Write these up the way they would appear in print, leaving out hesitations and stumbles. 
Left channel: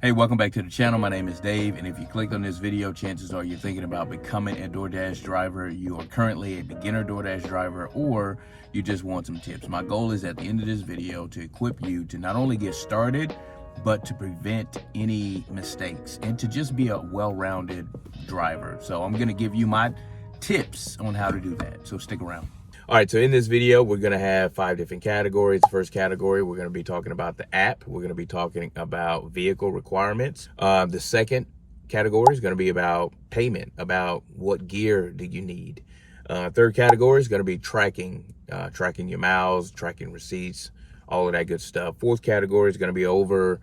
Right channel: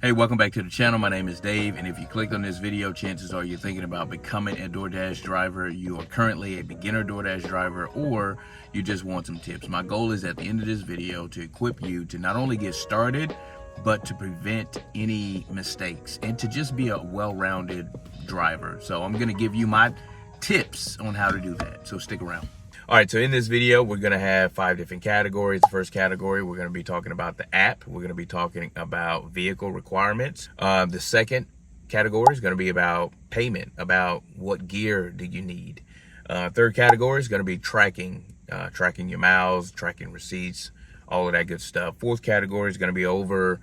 Hey, welcome back to the channel. My name is Dave, and if you clicked on this video, chances are you're thinking about becoming a DoorDash driver. You are currently a beginner DoorDash driver, or you just want some tips. My goal is at the end of this video to equip you to not only get started, but to prevent any mistakes and to just be a well-rounded driver. So I'm going to give you my tips on how to do that. So stick around. All right, so in this video, we're gonna have 5 different categories. The first category, we're gonna be talking about the app. We're gonna be talking about vehicle requirements. The second category is gonna be about payment, about what gear do you need. Third category is gonna be tracking, tracking your miles, tracking receipts, all of that good stuff. Fourth category is gonna be over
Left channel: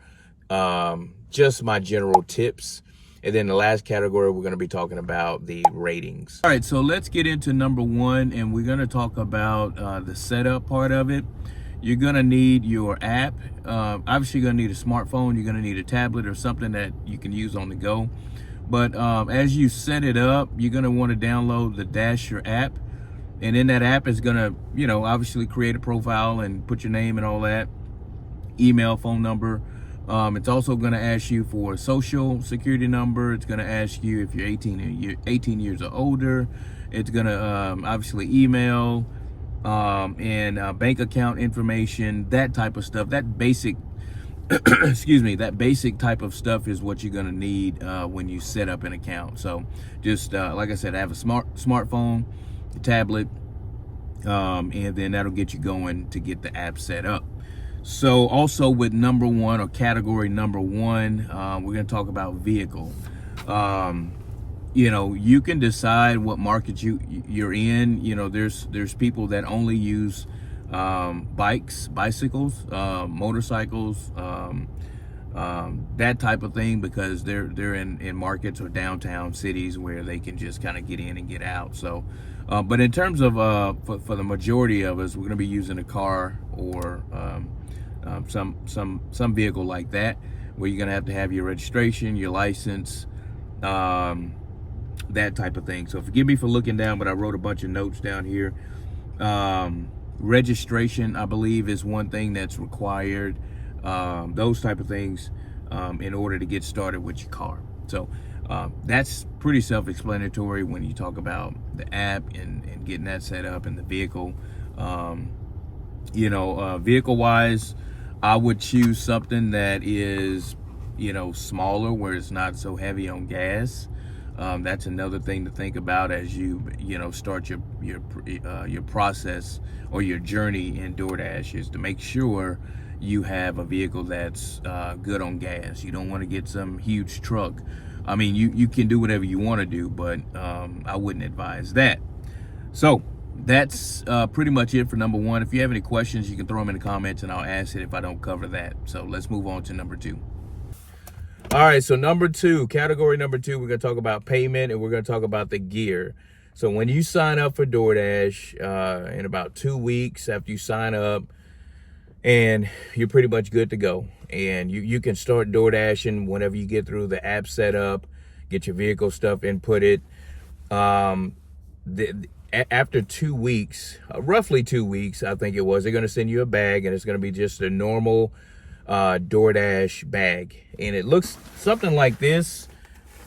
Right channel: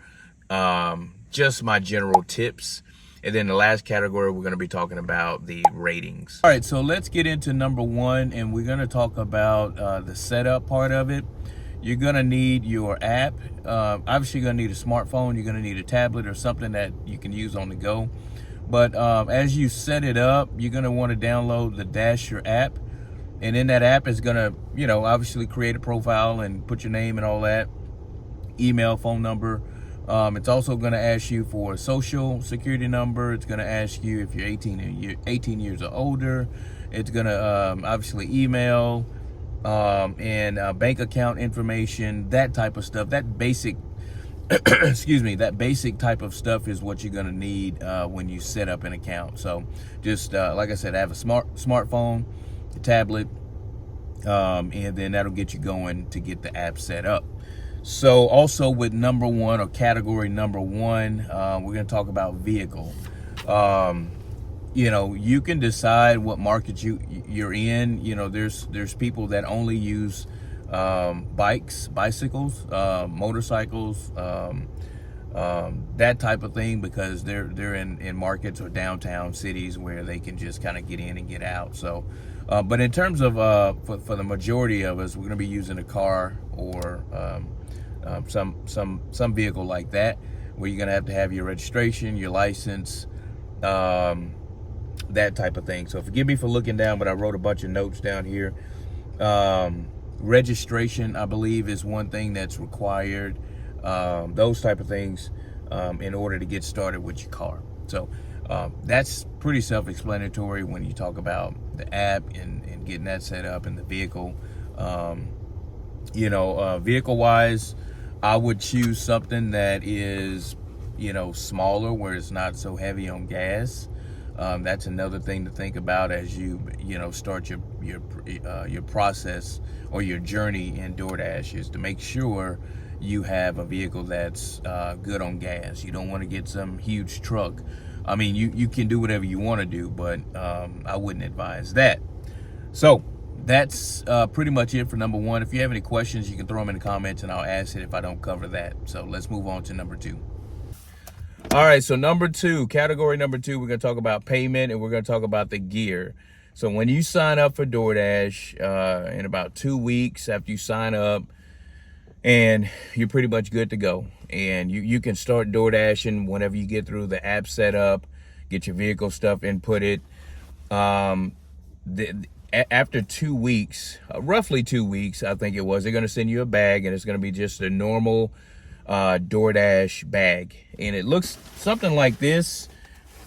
just my general tips. And then the last category, we're going to be talking about the ratings. All right, so let's get into number one, and we're going to talk about the setup part of it. You're going to need your app. Obviously, you're going to need a smartphone. You're going to need a tablet or something that you can use on the go. But as you set it up, you're going to want to download the Dasher app. And in that app, it's going to, obviously create a profile and put your name and all that, email, phone number. It's also going to ask you for a social security number. It's going to ask you if you're 18 years or older. It's going to obviously email and bank account information, that type of stuff. That basic, excuse me, that basic type of stuff is what you're going to need when you set up an account. So just like I said, have a smartphone, a tablet, and then that'll get you going to get the app set up. So also with number one, or category number one, we're going to talk about vehicle. You can decide what market you're in. There's people that only use bicycles, motorcycles, that type of thing, because they're in markets or downtown cities where they can just kind of get in and get out. So but in terms of for the majority of us, we're going to be using a car or some vehicle like that, where you're gonna have your registration, your license, that type of thing. So forgive me for looking down, but I wrote a bunch of notes down here. Registration, I believe, is one thing that's required. Those type of things in order to get started with your car. So that's pretty self-explanatory when you talk about the app and getting that set up, and the vehicle. Vehicle wise, I would choose something that is, smaller, where it's not so heavy on gas. That's another thing to think about as you, start your process or your journey in DoorDash, is to make sure you have a vehicle that's good on gas. You don't want to get some huge truck. I mean, you can do whatever you want to do, but I wouldn't advise that. So that's pretty much it for number one. If you have any questions, you can throw them in the comments and I'll ask it if I don't cover that. So let's move on to number two. All right, so number two, category number two, we're going to talk about payment, and we're going to talk about the gear. So when you sign up for DoorDash, in about 2 weeks after you sign up, and you're pretty much good to go. And you can start DoorDashing whenever you get through the app setup, get your vehicle stuff inputted. After 2 weeks, roughly 2 weeks, I think it was, they're going to send you a bag, and it's going to be just a normal DoorDash bag. And it looks something like this.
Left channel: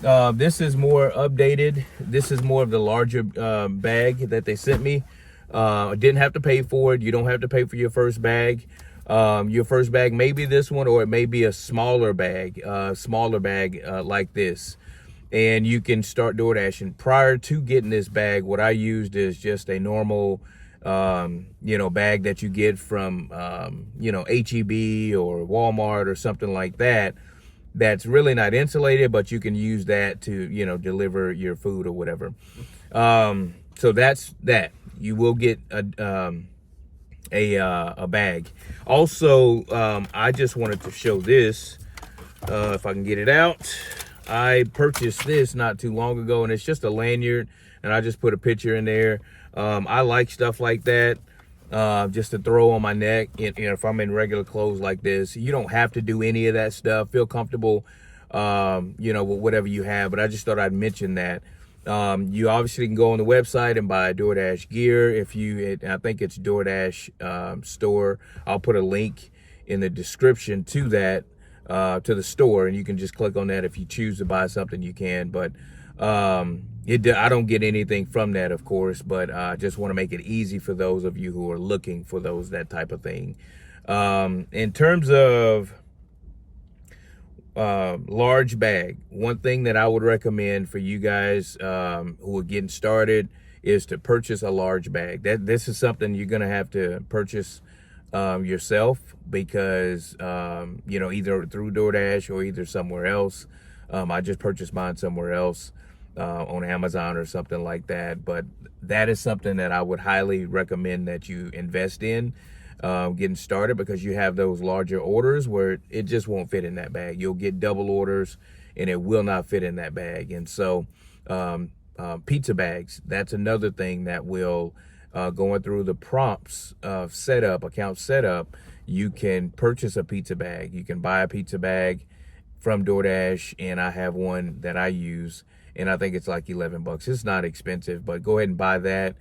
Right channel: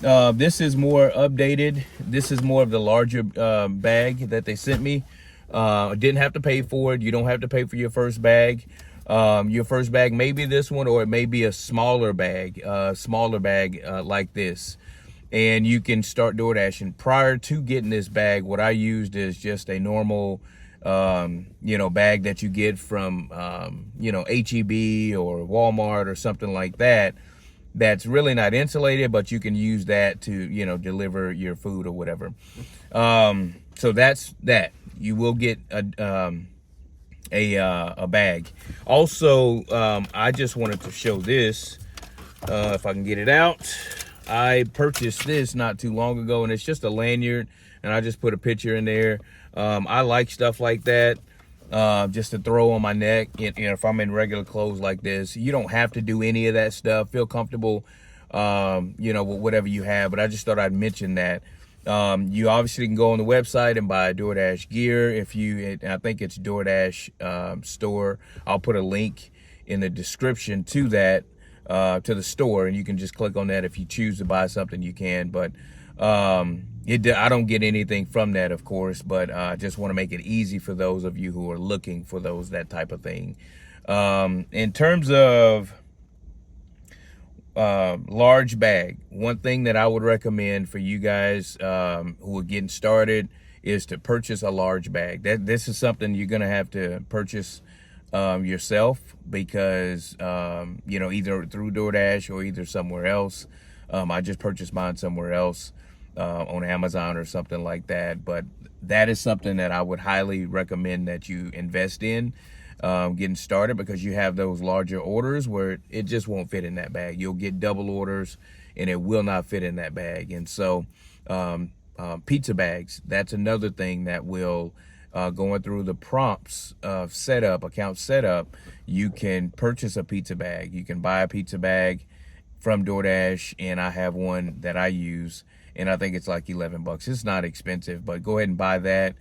This is more updated. This is more of the larger bag that they sent me. Didn't have to pay for it. You don't have to pay for your first bag. Your first bag may be this one, or it may be a smaller bag like this. And you can start DoorDashing. Prior to getting this bag, what I used is just a normal, bag that you get from, HEB or Walmart or something like that. That's really not insulated, but you can use that to, deliver your food or whatever. So that's that. You will get a bag. Also, I just wanted to show this, if I can get it out. I purchased this not too long ago, and it's just a lanyard, and I just put a picture in there. I like stuff like that, just to throw on my neck. If I'm in regular clothes like this, you don't have to do any of that stuff. Feel comfortable, with whatever you have, but I just thought I'd mention that. You obviously can go on the website and buy DoorDash gear. I think it's DoorDash store. I'll put a link in the description to that. to the store, and you can just click on that. If you choose to buy something, you can, but I don't get anything from that, of course, but I just want to make it easy for those of you who are looking for that type of thing. In terms of large bag, one thing that I would recommend for you guys who are getting started is to purchase a large bag. This is something you're going to have to purchase yourself, because either through DoorDash or either somewhere else. I just purchased mine somewhere else, on Amazon or something like that. But that is something that I would highly recommend that you invest in getting started, because you have those larger orders where it just won't fit in that bag. You'll get double orders and it will not fit in that bag. And so pizza bags, that's another thing that will, going through the prompts of account setup, you can purchase a pizza bag. You can buy a pizza bag from DoorDash, and I have one that I use, and I think it's like $11. It's not expensive, but go ahead and buy that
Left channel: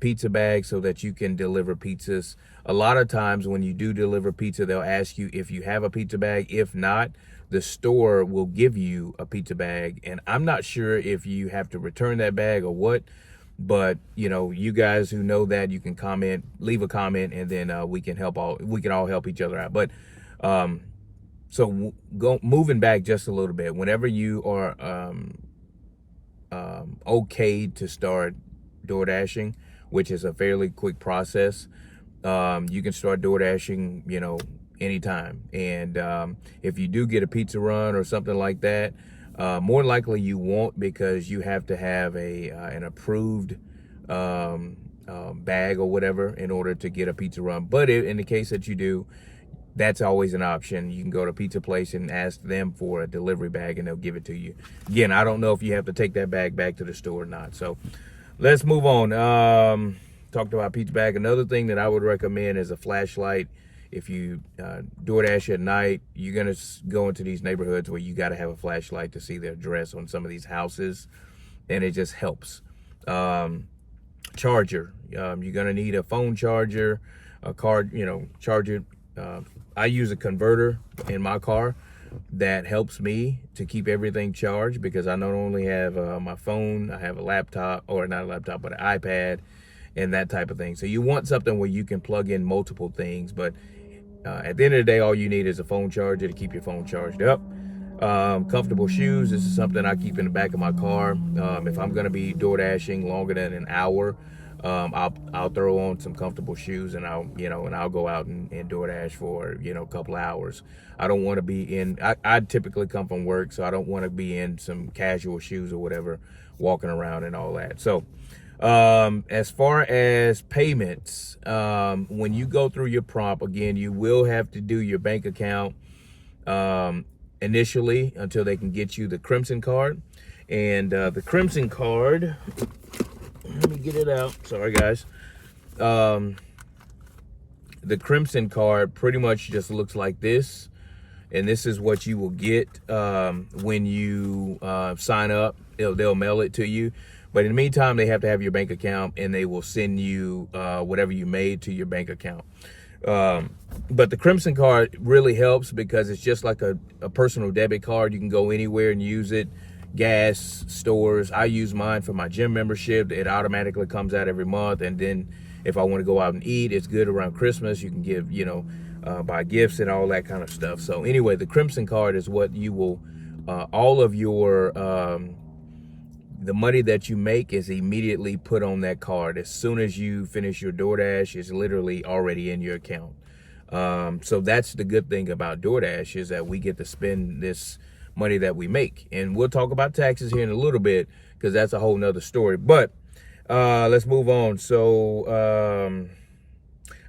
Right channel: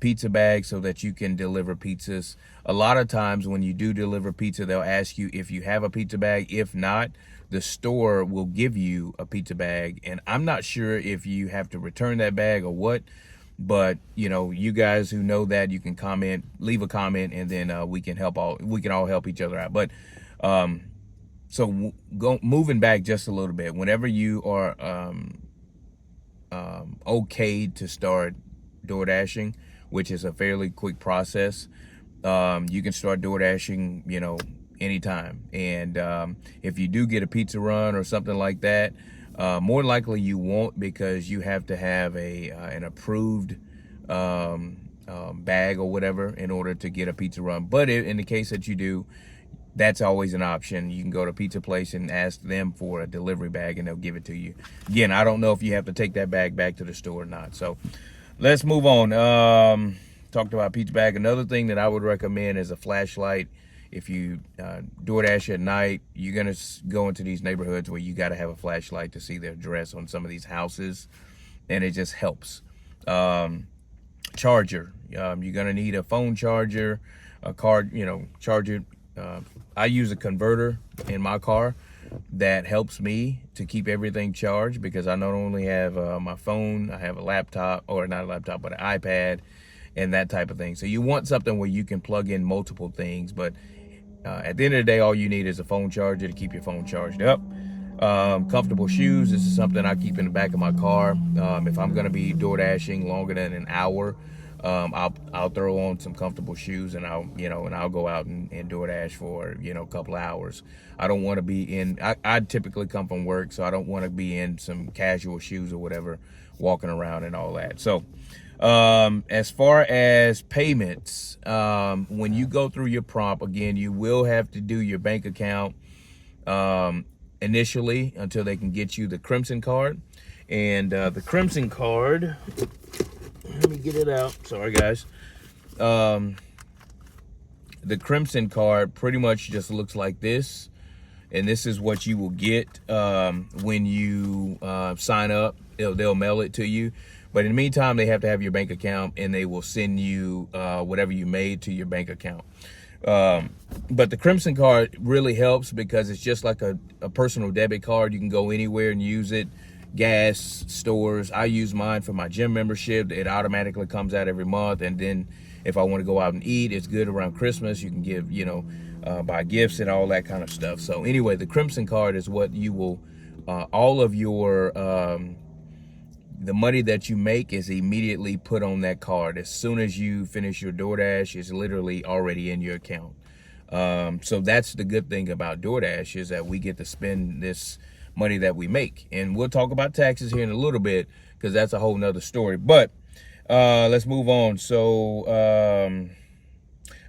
pizza bag so that you can deliver pizzas. A lot of times when you do deliver pizza, they'll ask you if you have a pizza bag. If not, the store will give you a pizza bag, and I'm not sure if you have to return that bag or what, but you guys who know that, you can leave a comment, and then we can all help each other out. But so moving back just a little bit, whenever you are okay to start DoorDashing, which is a fairly quick process, you can start DoorDashing, anytime. And if you do get a pizza run or something like that, more likely you won't, because you have to have an approved bag or whatever in order to get a pizza run. But in the case that you do, that's always an option. You can go to a pizza place and ask them for a delivery bag, and they'll give it to you. Again, I don't know if you have to take that bag back to the store or not. So let's move on. Talked about pizza bag. Another thing that I would recommend is a flashlight. If you DoorDash at night, you're going to go into these neighborhoods where you got to have a flashlight to see the address on some of these houses, and it just helps. Charger. You're going to need a phone charger, a card, charger. I use a converter in my car that helps me to keep everything charged, because I not only have my phone, I have a laptop, or not a laptop, but an iPad and that type of thing. So you want something where you can plug in multiple things, but at the end of the day, all you need is a phone charger to keep your phone charged up. Comfortable shoes. This is something I keep in the back of my car. If I'm going to be DoorDashing longer than an hour, I'll throw on some comfortable shoes, and I'll go out and DoorDash for a couple of hours. I don't want to be in. I typically come from work, so I don't want to be in some casual shoes or whatever, walking around and all that. So as far as payments, when you go through your prompt, again, you will have to do your bank account initially until they can get you the Crimson card. And the Crimson card, let me get it out. Sorry, guys. The Crimson card pretty much just looks like this. And this is what you will get when you sign up. They'll mail it to you. But in the meantime, they have to have your bank account, and they will send you whatever you made to your bank account. But the Crimson card really helps because it's just like a personal debit card. You can go anywhere and use it. Gas, stores. I use mine for my gym membership. It automatically comes out every month. And then if I want to go out and eat, it's good around Christmas. You can give, buy gifts and all that kind of stuff. So anyway, the Crimson card is what you will, all of your, the money that you make is immediately put on that card. As soon as you finish your DoorDash, it's literally already in your account. So that's the good thing about DoorDash, is that we get to spend this money that we make. And we'll talk about taxes here in a little bit, because that's a whole nother story. But let's move on. So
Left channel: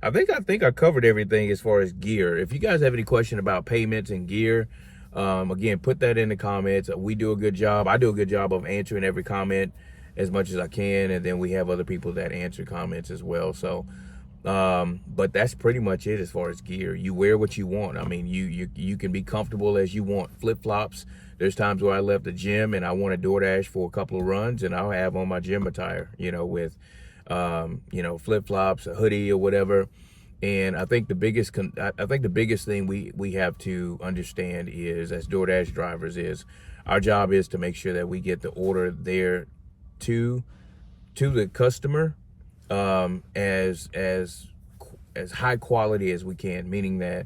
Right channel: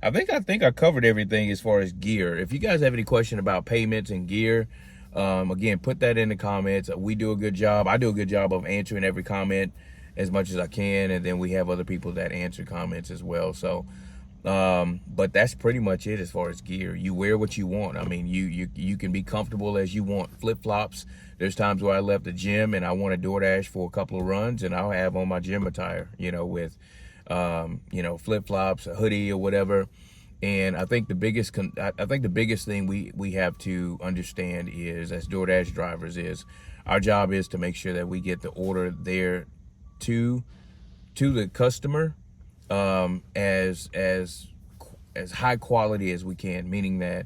I think I covered everything as far as gear. If you guys have any question about payments and gear, again, put that in the comments. We do a good job. I do a good job of answering every comment as much as I can, and then we have other people that answer comments as well. So but that's pretty much it as far as gear. You wear what you want. I mean, you can be comfortable as you want. Flip-flops. There's times where I left the gym and I want to DoorDash for a couple of runs, and I'll have on my gym attire, with flip-flops, a hoodie or whatever. And I think the biggest thing we have to understand is, as DoorDash drivers, is our job is to make sure that we get the order there to the customer, as high quality as we can, meaning that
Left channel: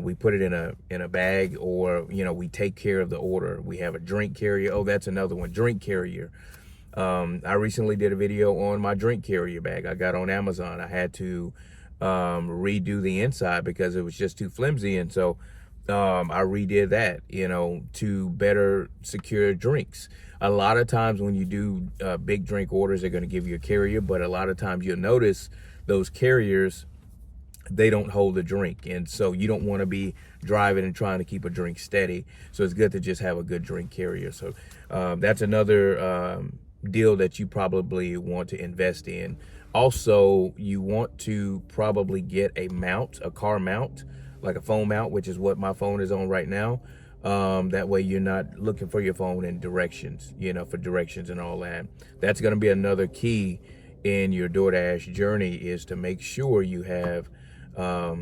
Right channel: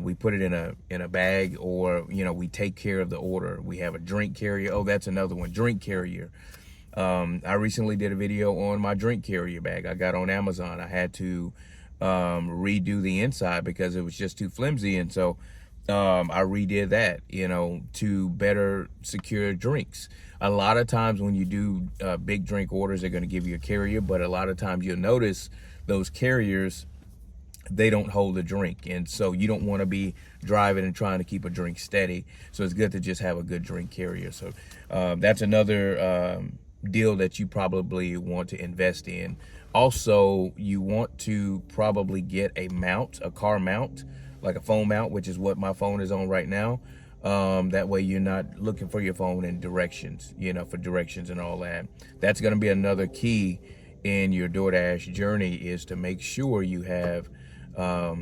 we put it in a bag, or we take care of the order. We have a drink carrier. Oh, that's another one, drink carrier. I recently did a video on my drink carrier bag I got on Amazon. I had to redo the inside because it was just too flimsy, and so I redid that, to better secure drinks. A lot of times when you do big drink orders, they're going to give you a carrier, but a lot of times you'll notice those carriers, they don't hold a drink, and so you don't want to be driving and trying to keep a drink steady. So it's good to just have a good drink carrier. So that's another deal that you probably want to invest in. Also, you want to probably get a car mount, like a phone mount, which is what my phone is on right now. That way you're not looking for your phone in directions, for directions and all that. That's going to be another key in your DoorDash journey, is to make sure you have, a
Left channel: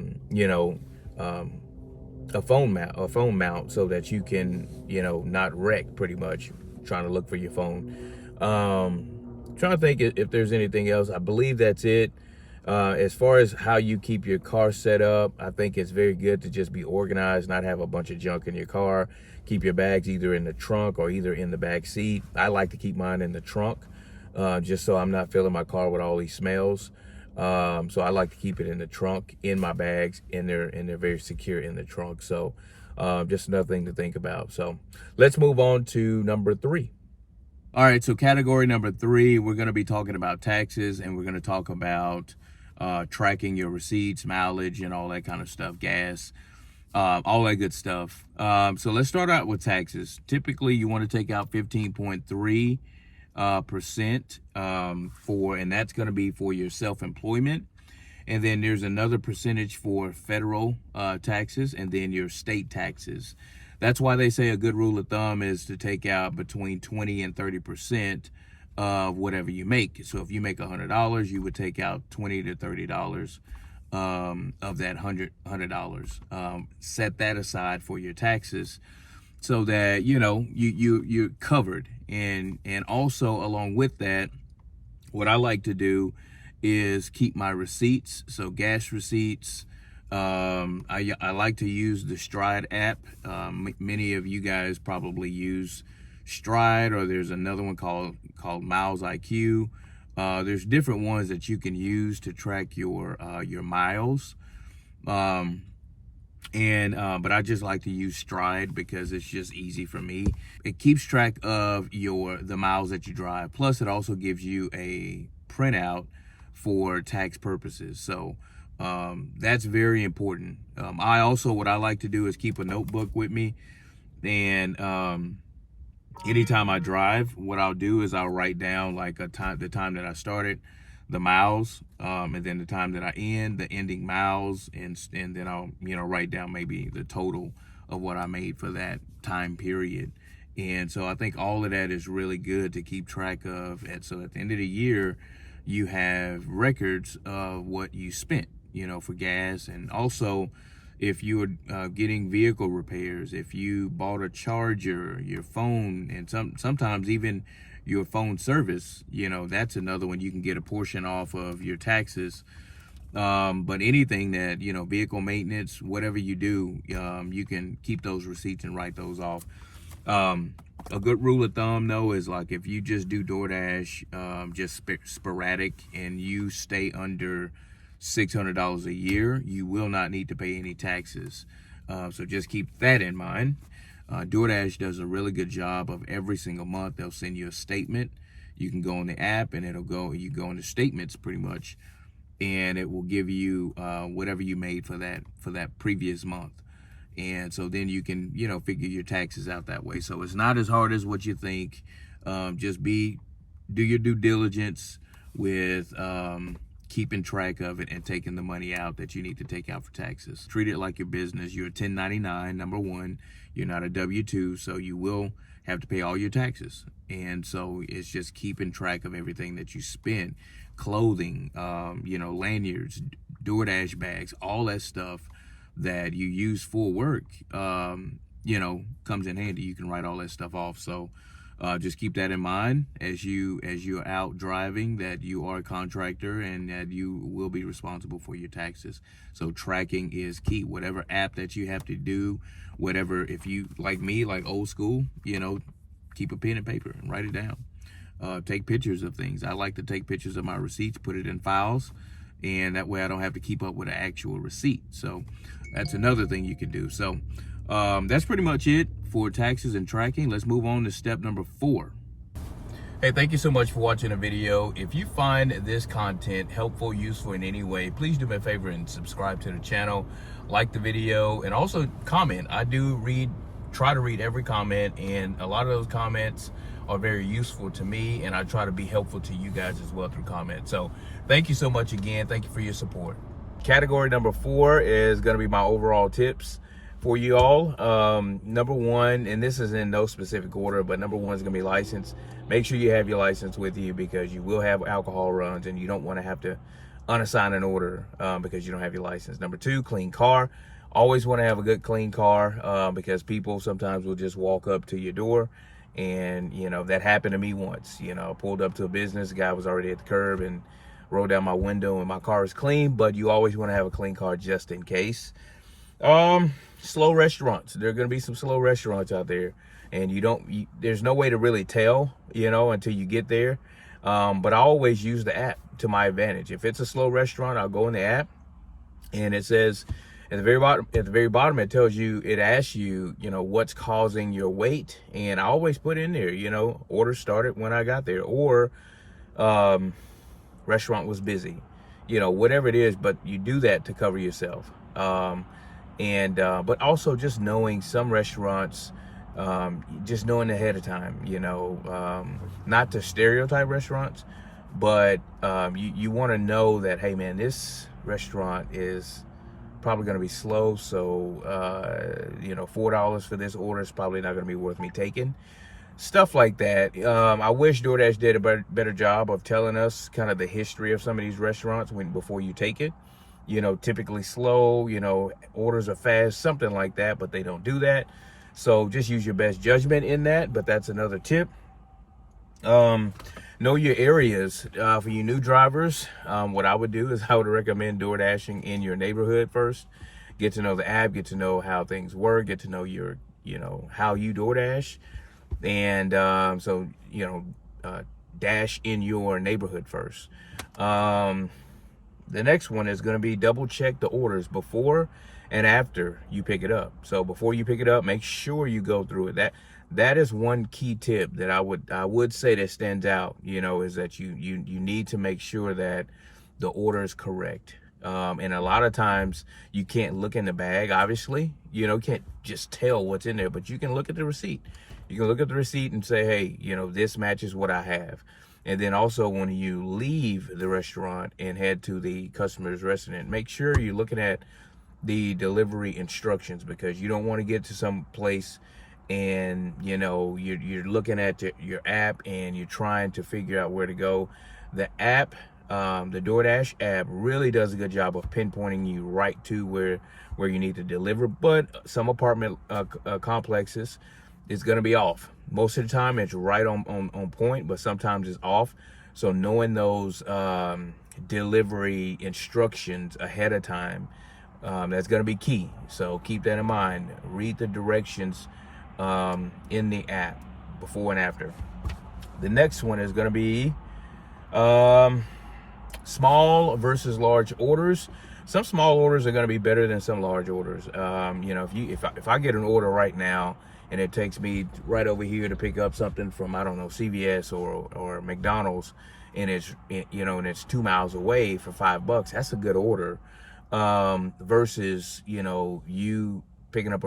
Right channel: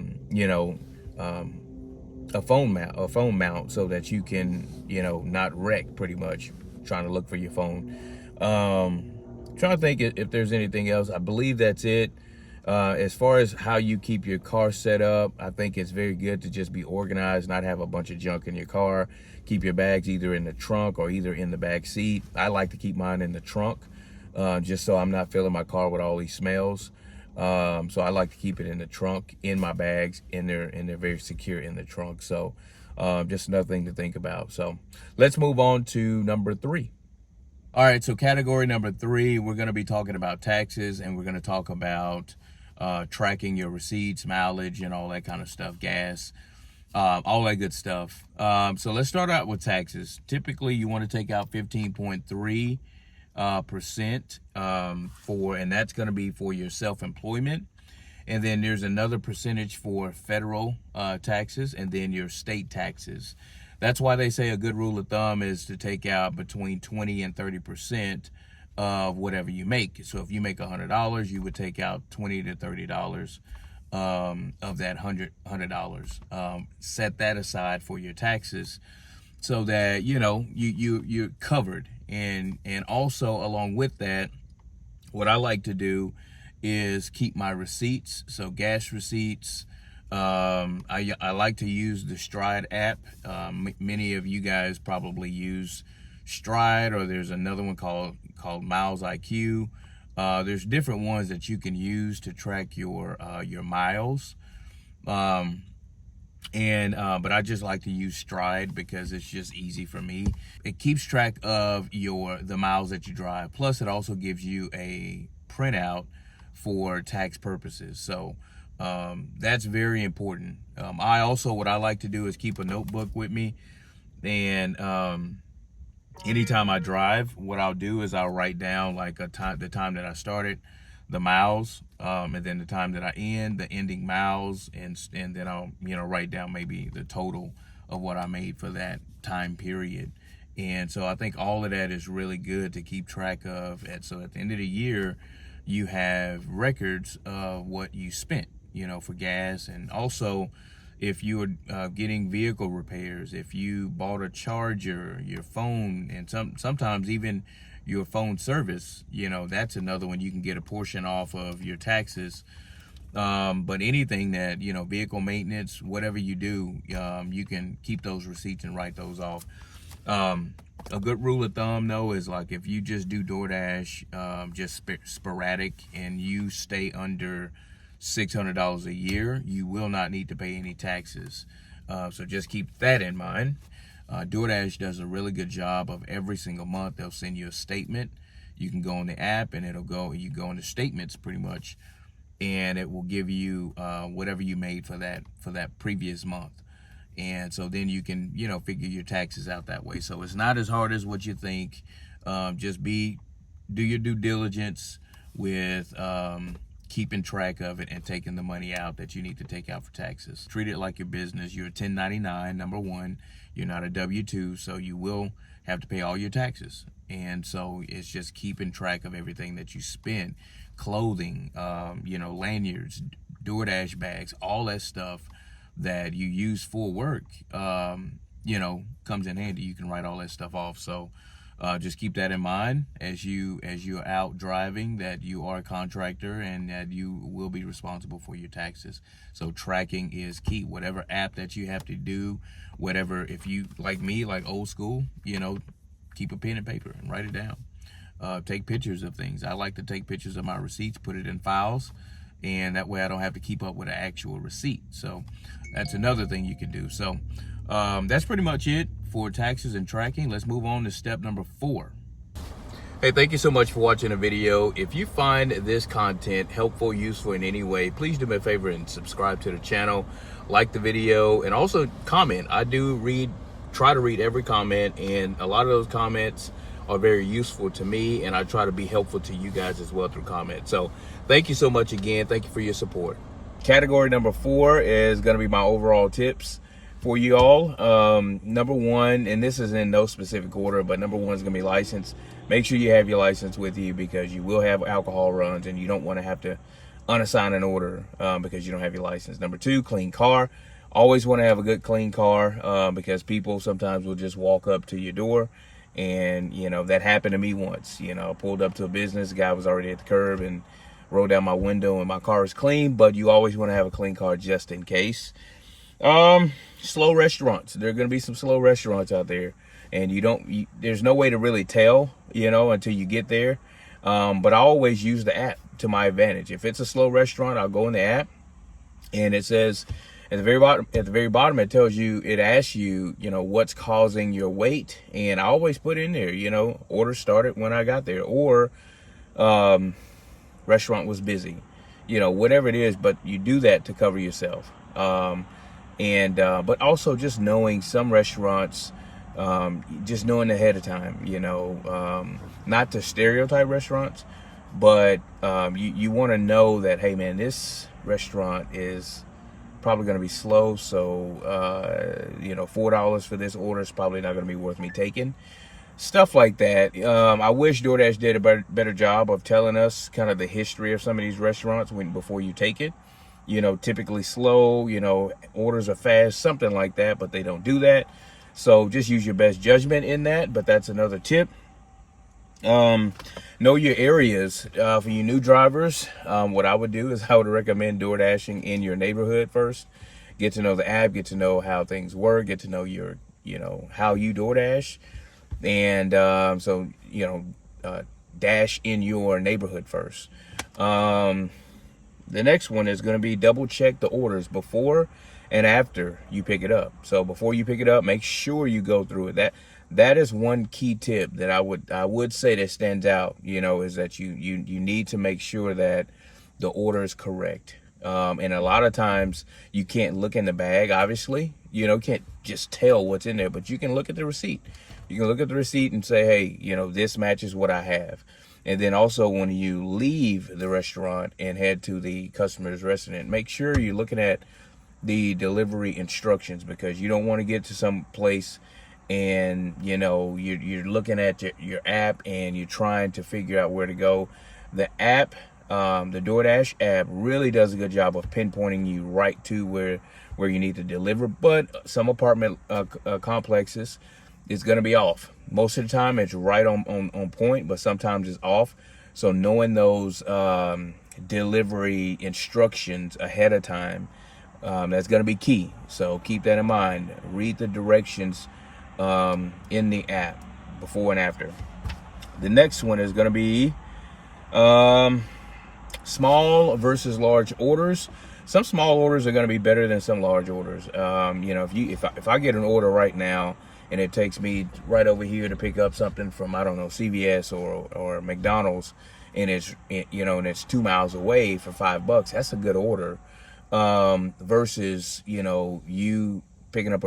phone mount, so that you can, not wreck pretty much trying to look for your phone. Trying to think if there's anything else. I believe that's it. As far as how you keep your car set up, I think it's very good to just be organized, not have a bunch of junk in your car. Keep your bags either in the trunk or either in the back seat. I like to keep mine in the trunk, just so I'm not filling my car with all these smells. So I like to keep it in the trunk, in my bags, and they're very secure in the trunk. So just another thing to think about. So let's move on to number 3. All right, so category number 3, we're going to be talking about taxes, and we're going to talk about tracking your receipts, mileage, and all that kind of stuff, gas, all that good stuff. So let's start out with taxes. Typically, you want to take out 15.3% and that's going to be for your self-employment. And then there's another percentage for federal taxes, and then your state taxes. That's why they say a good rule of thumb is to take out between 20 and 30% of whatever you make. So if you make $100, you would take out $20 to $30 of that $100. Set that aside for your taxes, so that you're covered. And also, along with that, what I like to do is keep my receipts. So gas receipts. I like to use the Stride app. Many of you guys probably use Stride, or there's another one called Miles IQ. There's different ones that you can use to track your miles. But I just like to use Stride because it's just easy for me. It keeps track of the miles that you drive. Plus, it also gives you a printout for tax purposes. So that's very important. What I like to do is keep a notebook with me, and anytime I drive, what I'll do is I'll write down like the time that I started, the miles, and then the time that I end, the ending miles, and then I'll write down maybe the total of what I made for that time period. And so I think all of that is really good to keep track of. And so at the end of the year, you have records of what you spent, for gas. And also, if you are getting vehicle repairs, if you bought a charger, your phone, and sometimes even your phone service, that's another one. You can get a portion off of your taxes. But anything that, vehicle maintenance, whatever you do, you can keep those receipts and write those off. A good rule of thumb, though, is like if you just do DoorDash, just sporadic, and you stay under $600 a year, you will not need to pay any taxes. So just keep that in mind. DoorDash does a really good job of every single month. They'll send you a statement. You can go on the app, and you go into statements pretty much, and it will give you whatever you made for that previous month. And so then you can, figure your taxes out that way. So it's not as hard as what you think. Just do your due diligence with keeping track of it and taking the money out that you need to take out for taxes. Treat it like your business. You're a 1099, number one. You're not a W-2, so you will have to pay all your taxes. And so it's just keeping track of everything that you spend. clothing, you know, lanyards, DoorDash bags, all that stuff that you use for work, you know, comes in handy. You can write all that stuff off. So just keep that in mind as you're out driving, that you are a contractor and that you will be responsible for your taxes. So tracking is key. Whatever app that you have to do, whatever, if you like me, like old school, you know, keep a pen and paper and write it down. Take pictures of things. I like to take pictures of my receipts, put it in files, and that way I don't have to keep up with an actual receipt. So that's another thing you can do. So that's pretty much it for taxes and tracking. Let's move on to step number 4. Hey, thank you so much for watching the video. If you find this content helpful, useful in any way, please do me a favor and subscribe to the channel, like the video, and also comment. I do try to read every comment, and a lot of those comments are very useful to me, and I try to be helpful to you guys as well through comments. So thank you so much again. Thank you for your support. Category number 4 is going to be my overall tips for you all. Number 1, and this is in no specific order, but number 1 is going to be license. Make sure you have your license with you, because you will have alcohol runs and you don't want to have to unassign an order because you don't have your license. Number 2, clean car. Always want to have a good clean car because people sometimes will just walk up to your door. And, you know, that happened to me once. You know, I pulled up to a business, the guy was already at the curb and rolled down my window, and my car is clean. But you always want to have a clean car just in case. Slow restaurants. There are going to be some slow restaurants out there, and there's no way to really tell, you know, until you get there. But I always use the app to my advantage. If it's a slow restaurant, I'll go in the app, and it says at the very bottom, it asks you, you know, what's causing your wait. And I always put in there, you know, order started when I got there, or restaurant was busy, you know, whatever it is. But you do that to cover yourself. But also just knowing some restaurants, just knowing ahead of time, you know, not to stereotype restaurants, but you want to know that, hey man, this restaurant is probably going to be slow, so you know, $4 for this order is probably not going to be worth me taking. Stuff like that. I wish DoorDash did a better job of telling us kind of the history of some of these restaurants before you take it. You know, typically slow, you know, orders are fast, something like that, but they don't do that. So just use your best judgment in that, but that's another tip. Know your areas. For you new drivers, what I would do is I would recommend DoorDashing in your neighborhood first. Get to know the app, get to know how things work, get to know your, you know, how you DoorDash. And so, you know, dash in your neighborhood first. The next one is going to be double check the orders before and after you pick it up. So before you pick it up, make sure you go through it. That is one key tip that I would say that stands out, you know, is that you need to make sure that the order is correct. And a lot of times you can't look in the bag, obviously, you know, can't just tell what's in there, but you can look at the receipt. You can look at the receipt and say, hey, you know, this matches what I have. And then also when you leave the restaurant and head to the customer's restaurant, make sure you're looking at the delivery instructions, because you don't want to get to some place and, you know, you're looking at your app and you're trying to figure out where to go. The app, the DoorDash app, really does a good job of pinpointing you right to where you need to deliver. But some apartment complexes, it's going to be off. Most of the time it's right on point, but sometimes it's off. So knowing those delivery instructions ahead of time, that's going to be key. So keep that in mind. Read the directions in the app before and after. The next one is going to be small versus large orders. Some small orders are going to be better than some large orders. You know, if I get an order right now and it takes me right over here to pick up something from, I don't know, CVS or McDonald's, and it's, you know, and it's 2 miles away for $5, that's a good order. Versus, you know, you picking up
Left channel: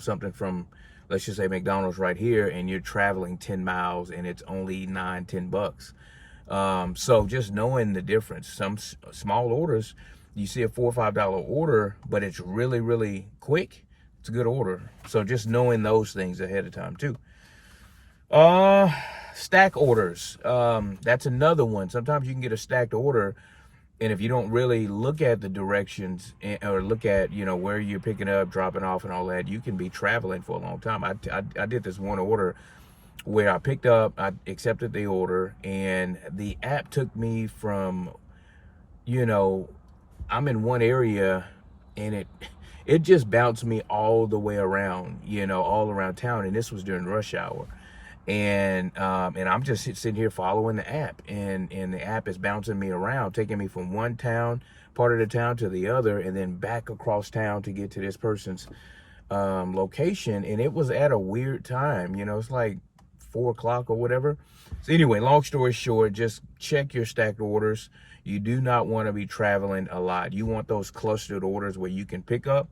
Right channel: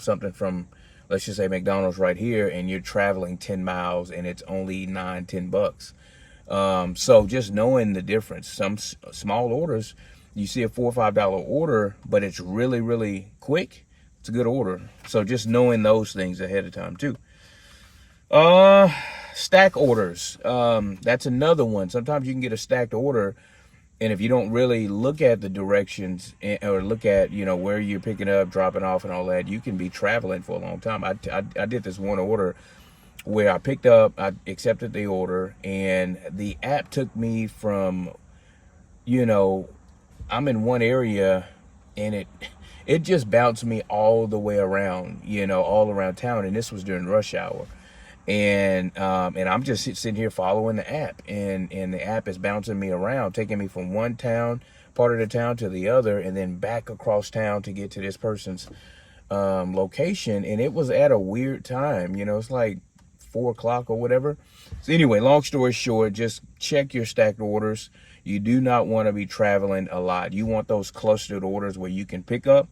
something from, let's just say McDonald's right here, and you're traveling 10 miles and it's only $9-10. So just knowing the difference. Some small orders, you see a $4 or $5 order, but it's really, really quick. It's a good order. So just knowing those things ahead of time too. Stack orders. That's another one. Sometimes you can get a stacked order, and if you don't really look at the directions or look at, you know, where you're picking up, dropping off and all that, you can be traveling for a long time. I did this one order where I picked up, I accepted the order, and the app took me from, you know, I'm in one area, and it just bounced me all the way around, you know, all around town, and this was during rush hour. And I'm just sitting here following the app, and the app is bouncing me around, taking me from one part of the town to the other, and then back across town to get to this person's location. And it was at a weird time, you know, it's like 4 o'clock or whatever. So anyway, long story short, just check your stacked orders. You do not want to be traveling a lot. You want those clustered orders where you can pick up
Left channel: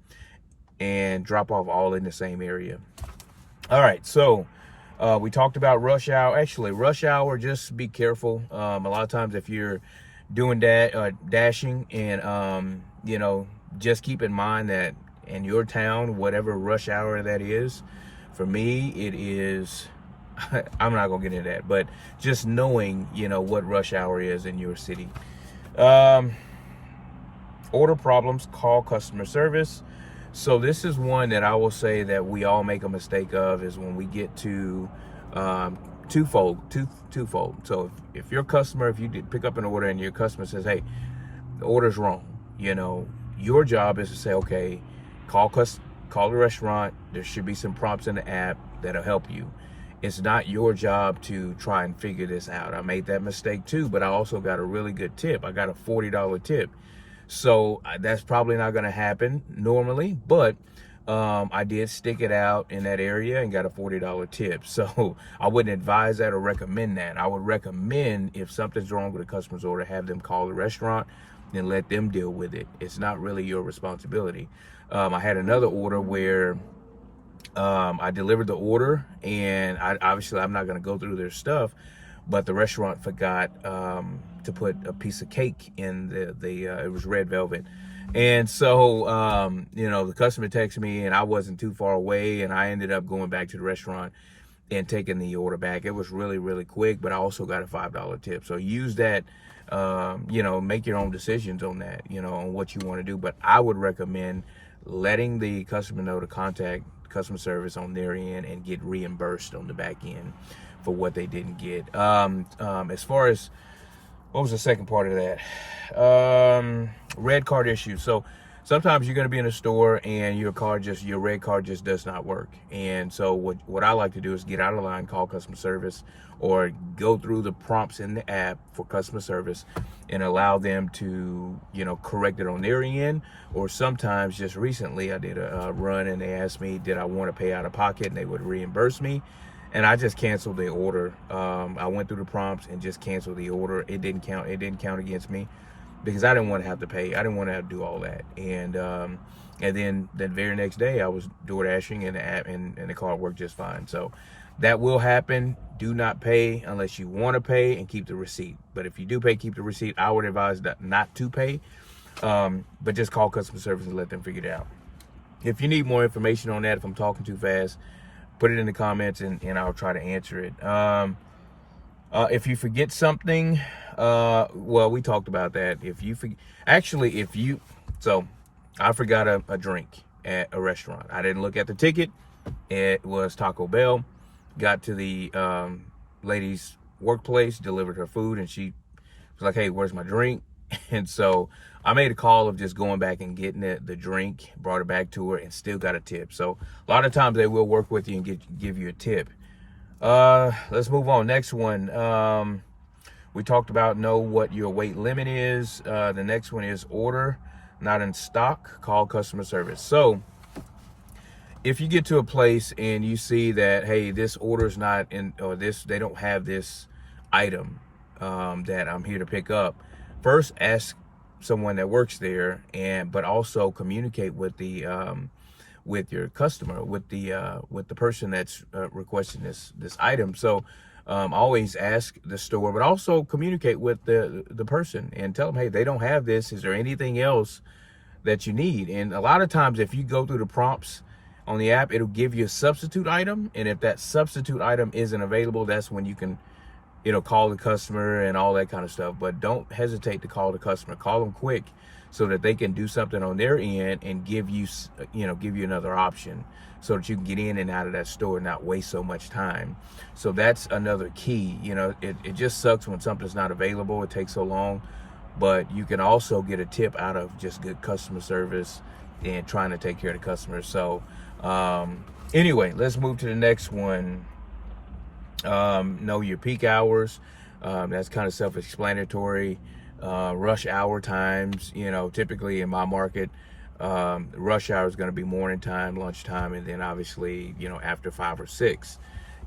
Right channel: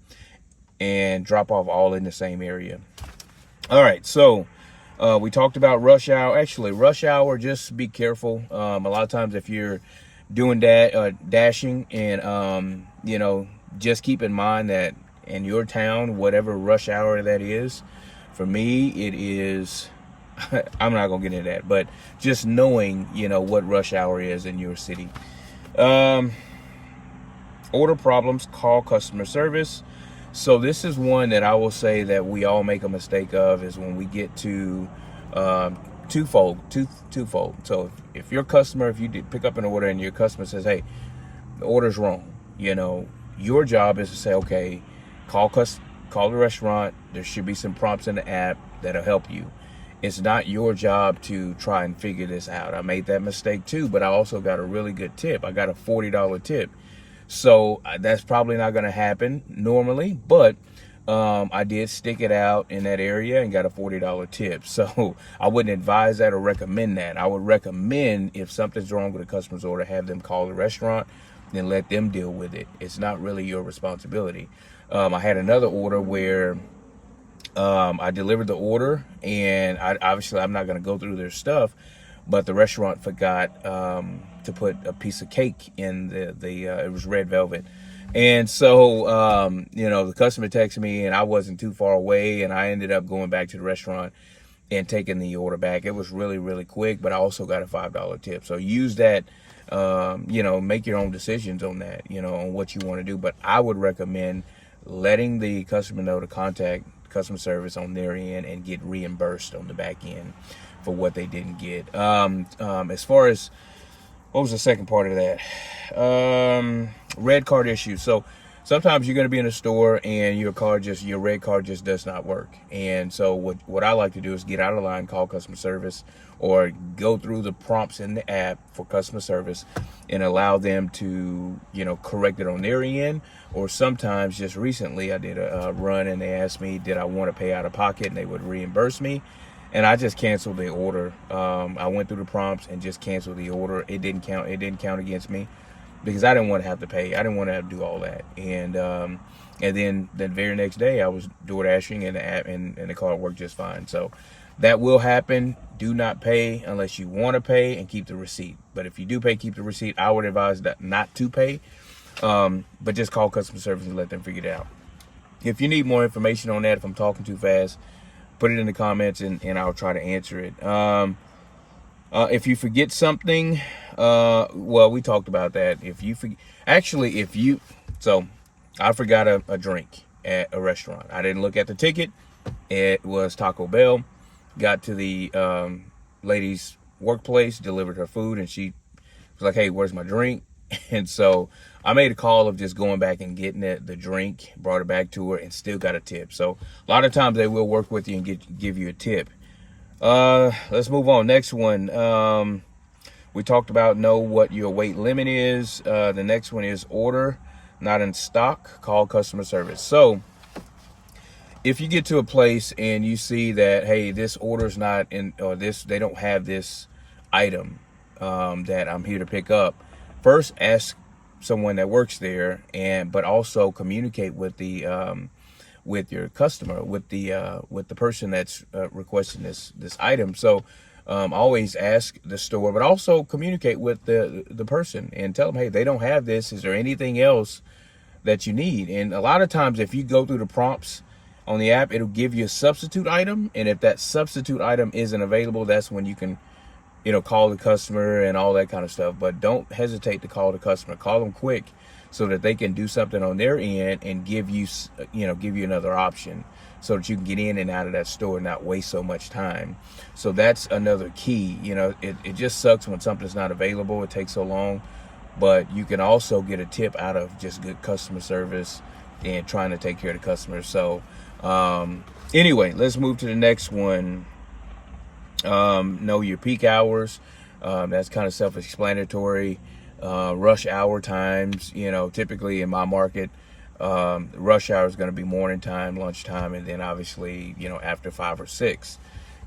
and drop off all in the same area. All right, so we talked about rush hour. Actually, rush hour, just be careful. A lot of times if you're doing that, dashing, and you know, just keep in mind that in your town, whatever rush hour that is, for me, it is, I'm not gonna get into that, but just knowing, you know, what rush hour is in your city. Order problems, call customer service. So this is one that I will say that we all make a mistake of, is when we get to twofold. So if your customer, if you did pick up an order and your customer says, hey, the order's wrong, you know, your job is to say, okay, call the restaurant. There should be some prompts in the app that'll help you. It's not your job to try and figure this out. I made that mistake too, but I also got a really good tip. I got a $40 tip. So that's probably not going to happen normally, but I did stick it out in that area and got a $40 tip. So I wouldn't advise that or recommend that. I would recommend, if something's wrong with a customer's order, have them call the restaurant and let them deal with it. It's not really your responsibility. I had another order where I delivered the order, and I'm not going to go through their stuff, but the restaurant forgot to put a piece of cake in it was red velvet. And so, you know, the customer texted me, and I wasn't too far away, and I ended up going back to the restaurant and taking the order back. It was really, really quick, but I also got a $5 tip. So use that, you know, make your own decisions on that, you know, on what you want to do. But I would recommend letting the customer know to contact customer service on their end and get reimbursed on the back end for what they didn't get. As far as, what was the second part of that? Red card issue. So sometimes you're going to be in a store and your red card just does not work. And so what I like to do is get out of line, call customer service, or go through the prompts in the app for customer service and allow them to, you know, correct it on their end. Or sometimes, just recently, I did a run and they asked me, did I want to pay out of pocket, and they would reimburse me. And I just canceled the order. I went through the prompts and just canceled the order. It didn't count against me because I didn't want to have to pay. I didn't want to have to do all that. And then the very next day I was DoorDashing, and the app and the card worked just fine. So that will happen. Do not pay unless you want to pay, and keep the receipt. But if you do pay, keep the receipt. I would advise not to pay, but just call customer service and let them figure it out. If you need more information on that, if I'm talking too fast, put it in the comments and I'll try to answer it. If you forget something, well, we talked about that. So I forgot a drink at a restaurant. I didn't look at the ticket. It was Taco Bell. Got to the lady's workplace, delivered her food, and she was like, hey, where's my drink? And so I made a call of just going back and getting the drink, brought it back to her, and still got a tip. So a lot of times they will work with you and give you a tip. Let's move on. Next one. We talked about know what your weight limit is. The next one is order not in stock, call customer service. So if you get to a place and you see that, hey, this order's not in, or they don't have this item that I'm here to pick up, first ask someone that works there, but also communicate with with your customer, with the person that's requesting this item. So always ask the store, but also communicate with the person and tell them, hey, they don't have this. Is there anything else that you need? And a lot of times, if you go through the prompts, On the app, it'll give you a substitute item, and if that substitute item isn't available, that's when you can, you know, call the customer and all that kind of stuff. But don't hesitate to call the customer. Call them quick so that they can do something on their end and give you, you know, give you another option so that you can get in and out of that store and not waste so much time. So that's another key. You know, it just sucks when something's not available. It takes so long, but you can also get a tip out of just good customer service and trying to take care of the customers. So anyway, let's move to the next one. Know your peak hours. That's kind of self-explanatory. Rush hour times, you know, typically in my market, rush hour is going to be morning time, lunchtime, and then obviously, you know, after 5 or 6.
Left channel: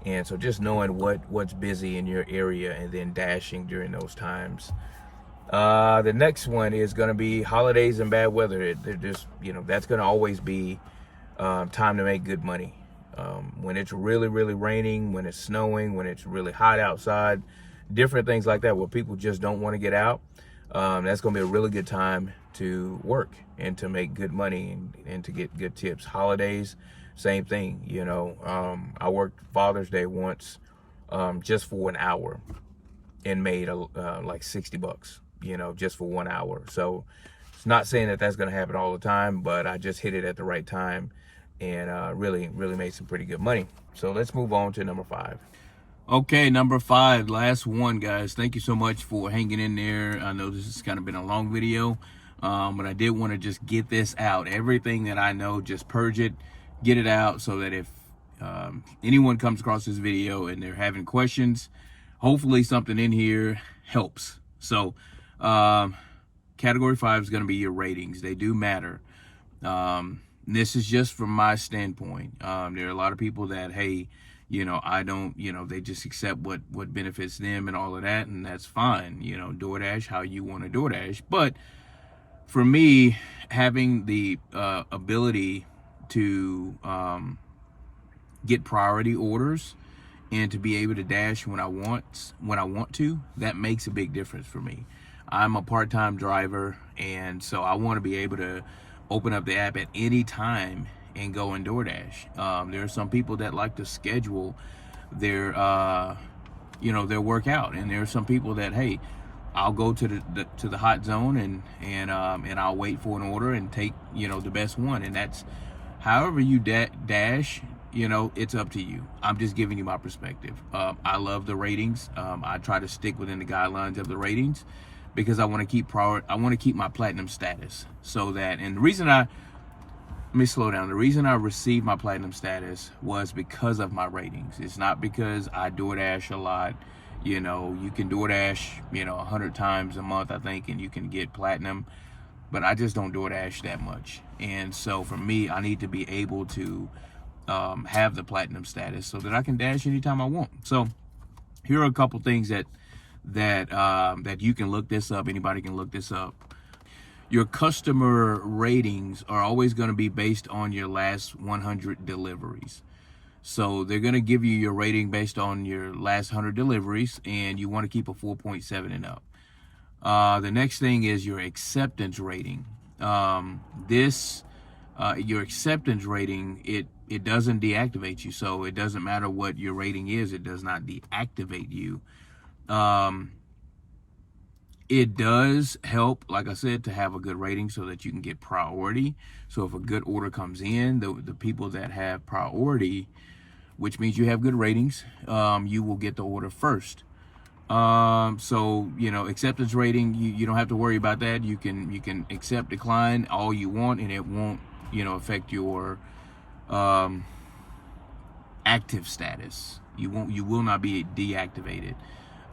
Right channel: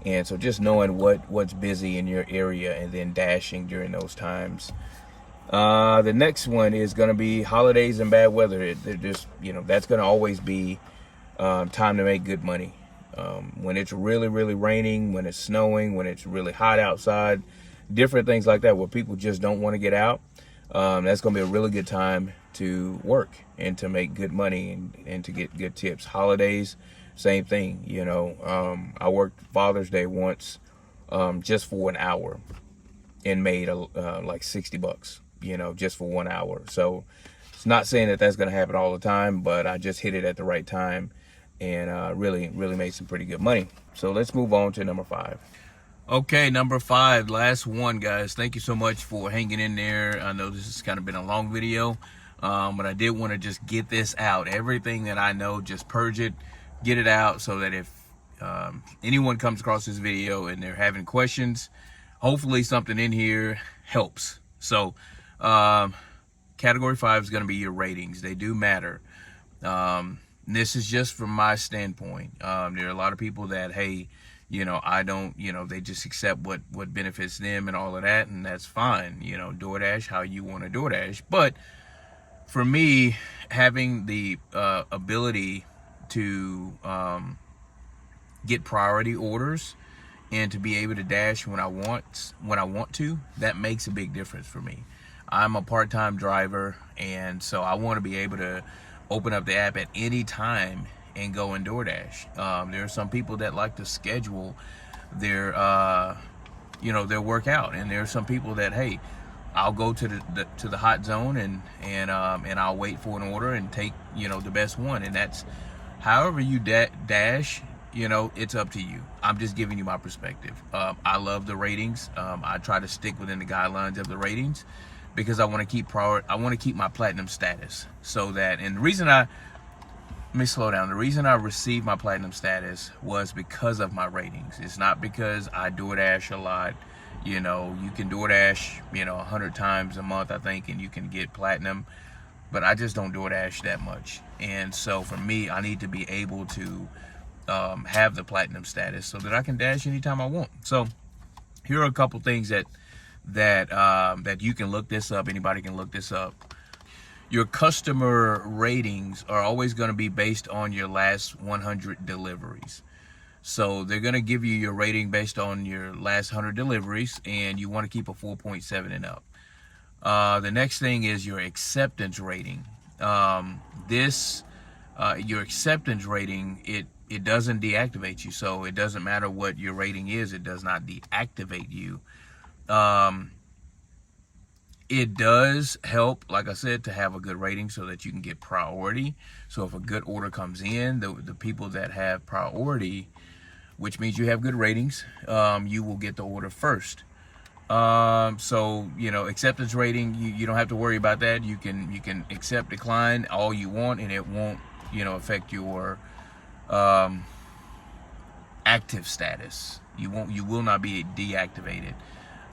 And so just knowing what's busy in your area and then dashing during those times. The next one is going to be holidays and bad weather. They're just, you know, that's going to always be time to make good money. When it's really, really raining, when it's snowing, when it's really hot outside, different things like that where people just don't want to get out, that's going to be a really good time to work and to make good money and to get good tips. Holidays, same thing. You know, I worked Father's Day once just for an hour and made like $60, you know, just for 1 hour. So it's not saying that that's going to happen all the time, but I just hit it at the right time and really made some pretty good money. So let's move on to number 5. Okay, number 5, last one, guys. Thank you so much for hanging in there. I know this has kind of been a long video, but I did want to just get this out. Everything that I know, just purge it, get it out, so that if anyone comes across this video and they're having questions, hopefully something in here helps. So category 5 is going to be your ratings. They do matter. This is just from my standpoint. There are a lot of people that, hey, you know, I don't, you know, they just accept what benefits them and all of that, and that's fine. You know, DoorDash how you want to DoorDash. But for me, having the ability to get priority orders and to be able to dash when I want to, that makes a big difference for me. I'm a part-time driver, and so I want to be able to open up the app at any time and go in DoorDash. There are some people that like to schedule their, you know, their workout, and there are some people that, hey, I'll go to the hot zone and I'll wait for an order and take, you know, the best one. And that's however you dash. You know, it's up to you. I'm just giving you my perspective. I love the ratings. I try to stick within the guidelines of the ratings because I want to keep my platinum status, so that, and the reason let me slow down. The reason I received my platinum status was because of my ratings. It's not because I DoorDash a lot. You know, you can DoorDash, you know, 100 times a month, I think, and you can get platinum. But I just don't DoorDash that much. And so for me, I need to be able to have the platinum status so that I can dash anytime I want. So here are a couple things that you can look this up. Anybody can look this up. Your customer ratings are always going to be based on your last 100 deliveries. So they're going to give you your rating based on your last 100 deliveries, and you want to keep a 4.7 and up. The next thing is your acceptance rating. Your acceptance rating, it doesn't deactivate you. So it doesn't matter what your rating is, it does not deactivate you. It does help, like I said, to have a good rating so that you can get priority. So if a good order comes in, the people that have priority, which means you have good ratings, you will get the order first. So, you know, acceptance rating, you don't have to worry about that. You can accept, decline all you want, and it won't, you know, affect your active status. You will not be deactivated.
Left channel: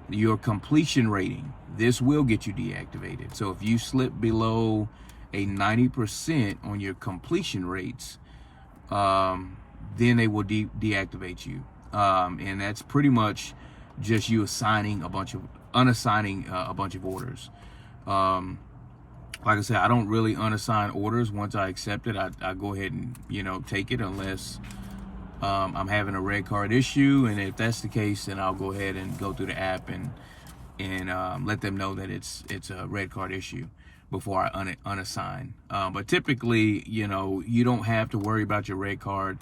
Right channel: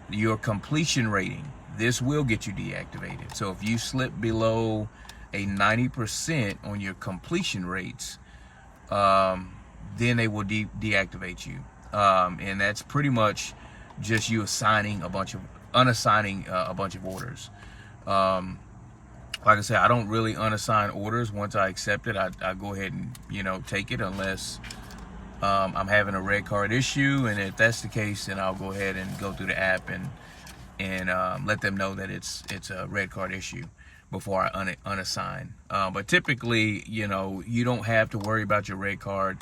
Your completion rating, this will get you deactivated. So if you slip below a 90% on your completion rates, then they will deactivate you. And that's pretty much just you unassigning a bunch of orders. Like I said, I don't really unassign orders. Once I accept it, I go ahead and, you know, take it unless I'm having a red card issue, and if that's the case, then I'll go ahead and go through the app and let them know that it's a red card issue. before I unassign. But typically, you know, you don't have to worry about your red card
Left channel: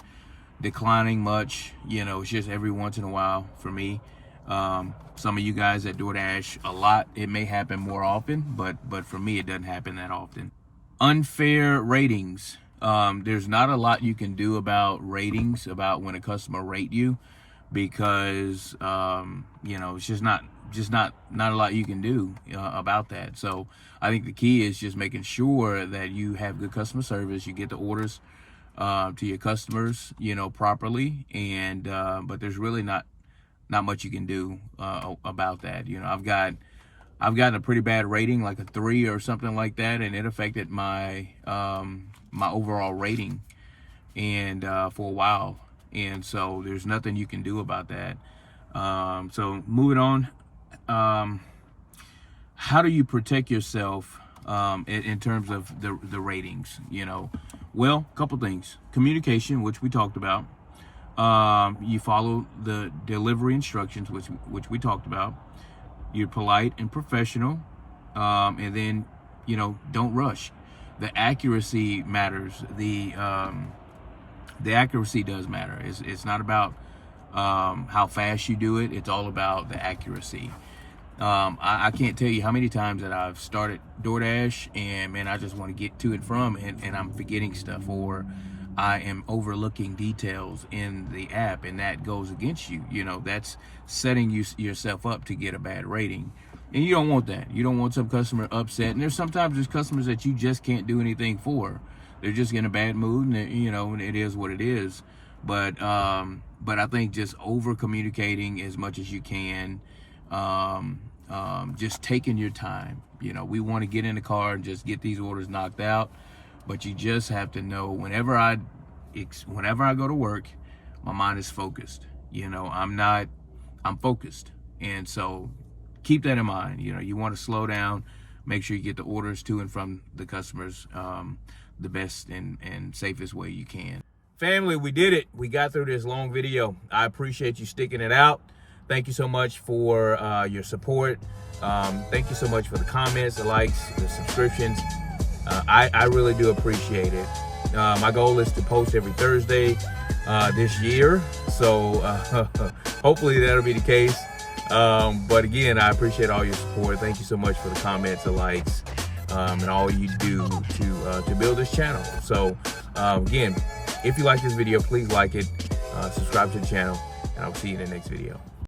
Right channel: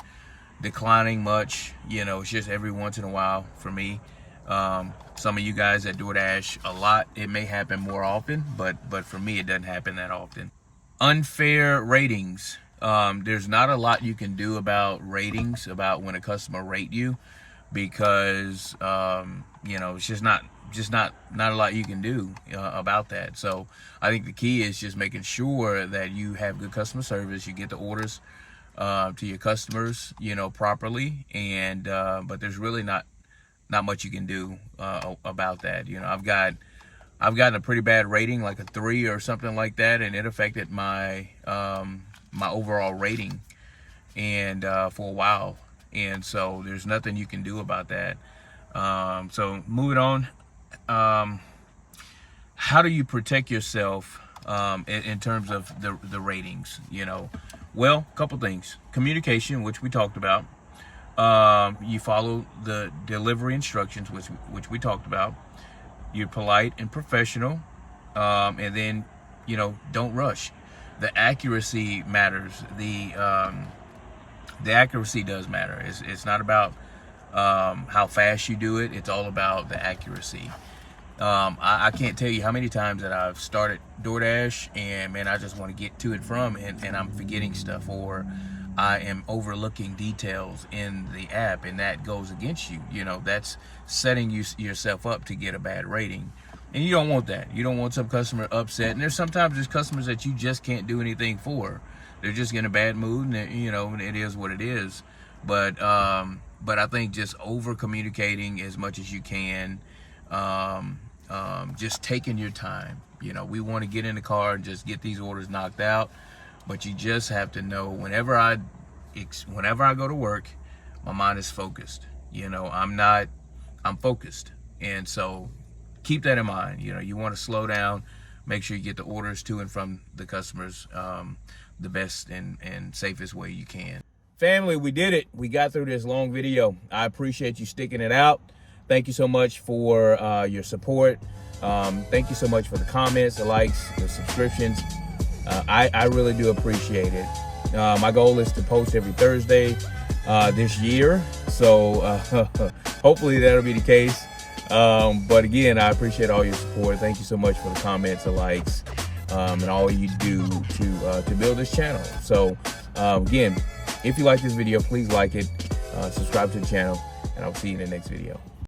declining much. You know, it's just every once in a while for me. Some of you guys at DoorDash, a lot, it may happen more often, but for me, it doesn't happen that often. Unfair ratings. There's not a lot you can do about ratings, about when a customer rate you, because you know, it's just not a lot you can do about that. So I think the key is just making sure that you have good customer service, you get the orders to your customers, you know, properly, and but there's really not much you can do about that. You know, I've gotten a pretty bad rating, like a 3 or something like that, and it affected my my overall rating, and for a while. And so there's nothing you can do about that. So moving on, how do you protect yourself in terms of the ratings? You know, well, a couple things. Communication, which we talked about. You follow the delivery instructions, which we talked about. You're polite and professional, and then, you know, don't rush. The accuracy matters. The accuracy does matter. It's not about how fast you do it. It's all about the accuracy. I can't tell you how many times that I've started DoorDash and, man, I just want to get to and from, and I'm forgetting stuff, or I am overlooking details in the app, and that goes against you. You know, that's setting yourself up to get a bad rating, and you don't want that. You don't want some customer upset. And there's customers that you just can't do anything for. They're just in a bad mood, and you know, and it is what it is. But I think just over communicating as much as you can, just taking your time. You know, we want to get in the car and just get these orders knocked out. But you just have to know, whenever I go to work, my mind is focused. You know, I'm focused. And so keep that in mind. You know, you want to slow down, make sure you get the orders to and from the customers the best and safest way you can. Family, we did it. We got through this long video. I appreciate you sticking it out. Thank you so much for your support. Thank you so much for the comments, the likes, the subscriptions. I really do appreciate it. My goal is to post every Thursday this year, so hopefully that'll be the case. But again, I appreciate all your support. Thank you so much for the comments, the likes, and all you do to build this channel. So again, if you like this video, please like it, subscribe to the channel, and I'll see you in the next video.